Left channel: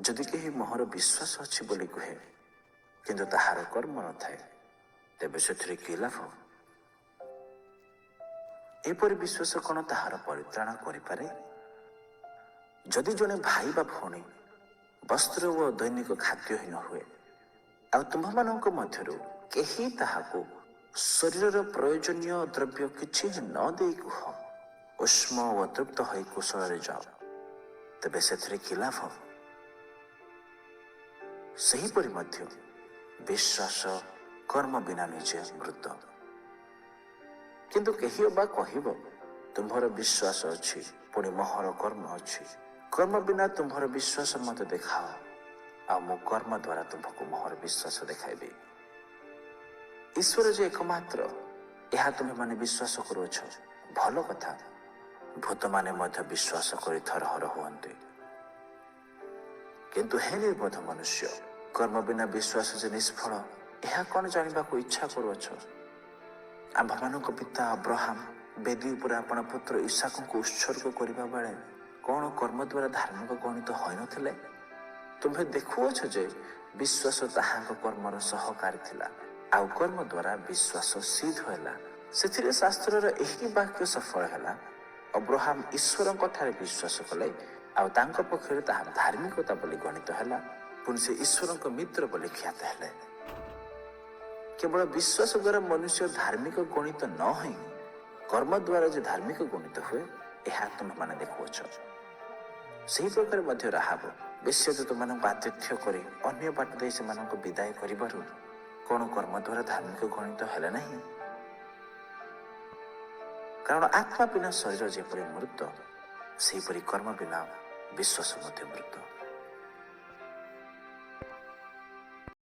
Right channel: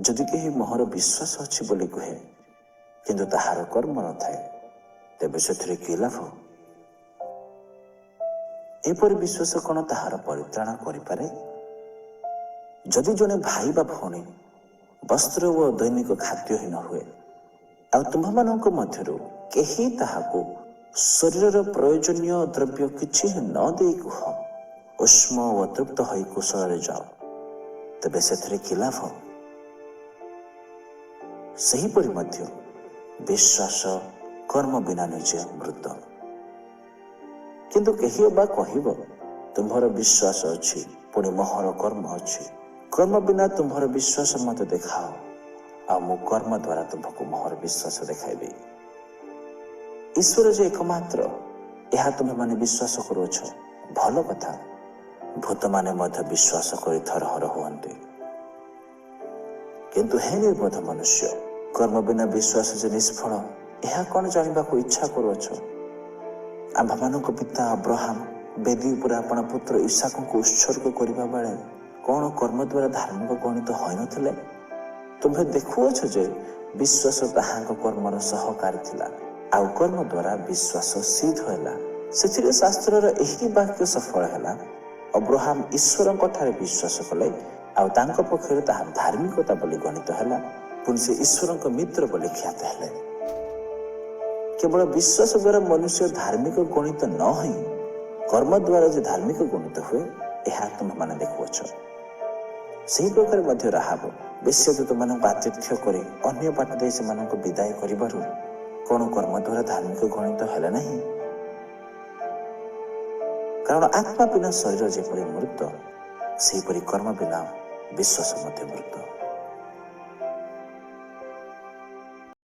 ଯଦି କେହି ମୋହର ବିଶ୍ୱାସ ଅଛି ବୋଲି କୁହେ କିନ୍ତୁ ତାହାର କର୍ମ ନଥାଏ, ତେବେ ସେଥିରେ କି ଲାଭ? ଏପରି ବିଶ୍ୱାସ କ'ଣ ତାହାର ପରିତ୍ରାଣ କରିପାରେ? ଯଦି ଜଣେ ଭାଇ ବା ଭଉଣୀ ବସ୍ତ୍ର ଓ ଦୈନିକ ଖାଦ୍ୟହୀନ ହୁଏ, ଆଉ ତୁମ୍ଭମାନଙ୍କ ମଧ୍ୟରୁ କେହି ତାହାକୁ ଶରୀରର ପ୍ରୟୋଜନୀୟ ଦ୍ରବ୍ୟ କିଛି ନ ଦେଇ କୁହ, ଉଷ୍ମ ଓ ତୃପ୍ତ ହୋଇ କୁଶଳରେ ଯାଅ, ତେବେ ସେଥିରେ କି ଲାଭ? ସେହିପରି ମଧ୍ୟ ବିଶ୍ୱାସ କର୍ମ ବିନା ନିଜେ ମୃତ। କିନ୍ତୁ କେହି ଅବା କହିବ, ତୁମ୍ଭର ବିଶ୍ୱାସ ଅଛି, ପୁଣି ମୋହର କର୍ମ ଅଛି। କର୍ମ ବିନା ତୁମ୍ଭର ବିଶ୍ୱାସ ମୋତେ ଦେଖାଅ, ଆଉ ମୁଁ କର୍ମ ଦ୍ୱାରା ତୁମ୍ଭକୁ ମୋହର ବିଶ୍ୱାସ ଦେଖାଇବି। ଈଶ୍ୱର ଯେ ଏକମାତ୍ର, ଏହା ତୁମେମାନେ ବିଶ୍ୱାସ କରୁଅଛ, ଭଲ କଥା। ଭୂତମାନେ ମଧ୍ୟ ବିଶ୍ୱାସ କରି ଥରହର ହୁଅନ୍ତି। କିନ୍ତୁ ହେ ନିର୍ବୋଧ ମନୁଷ୍ୟ, କର୍ମ ବିନା ବିଶ୍ୱାସ ଯେ ନିଷ୍ଫଳ, ଏହା କ'ଣ ଜାଣିବାକୁ ଇଚ୍ଛା କରୁଅଛ? ଆମ୍ଭମାନଙ୍କ ପିତା ଅବ୍ରାହମ ବେଦୀ ଉପରେ ଆପଣ ପୁତ୍ର ଇସାକଙ୍କୁ ଉତ୍ସର୍ଗ କରିବା ବେଳେ କ'ଣ କର୍ମ ଦ୍ୱାରା ଧାର୍ମିକ ଗଣିତ ହୋଇନଥିଲେ? ତୁମ୍ଭେ ଦେଖୁଅଛ ଯେ ବିଶ୍ୱାସ ତାହାଙ୍କ କର୍ମର ସହକାରୀ ଥିଲା, ଆଉ କର୍ମ ଦ୍ୱାରା ବିଶ୍ୱାସ ସିଦ୍ଧ ହେଲା। ସେଥିରେ ଶାସ୍ତ୍ରର ଏହି ବାକ୍ୟ ସଫଳ ହେଲା, ଅବ୍ରାହମ ଈଶ୍ୱରଙ୍କ ଠାରେ ବିଶ୍ୱାସ କଲେ, ଆଉ ତାଙ୍କ ପକ୍ଷରେ ତାହା ଧାର୍ମିକତା ବୋଲି ଗଣିତ ହେଲା, ପୁଣି ସେ ଈଶ୍ୱରଙ୍କ ମିତ୍ର ବୋଲି ଖ୍ୟାତ ହେଲେ। କେବଳ ବିଶ୍ୱାସ ଦ୍ୱାରା ମନୁଷ୍ୟ ଧାର୍ମିକ ଗଣିତ ନ ହୋଇ କର୍ମ ଦ୍ୱାରା ଯେ ଧାର୍ମିକ ଗଣିତ ହୁଏ, ଏହା ତୁମେମାନେ ଦେଖୁଅଛ। ସେହି ପ୍ରକାର ମଧ୍ୟ ରାହାବ ବେଶ୍ୟାଦୂତମାନଙ୍କୁ ଆତିଥ୍ୟ କରି ଅନ୍ୟ ବାଟ ଦେଇ ସେମାନଙ୍କୁ ବିଦାୟ କରିବାରୁ କ'ଣ କର୍ମ ଦ୍ୱାରା ଧାର୍ମିକ ଗଣିତ ହେଲେ ନାହିଁ? କାରଣ ଆତ୍ମା ବିନା ଶରୀର ଯେପରି ମୃତ, ସେହିପରି କର୍ମ ବିନା ବିଶ୍ୱାସ ମଧ୍ୟ ମୃତ।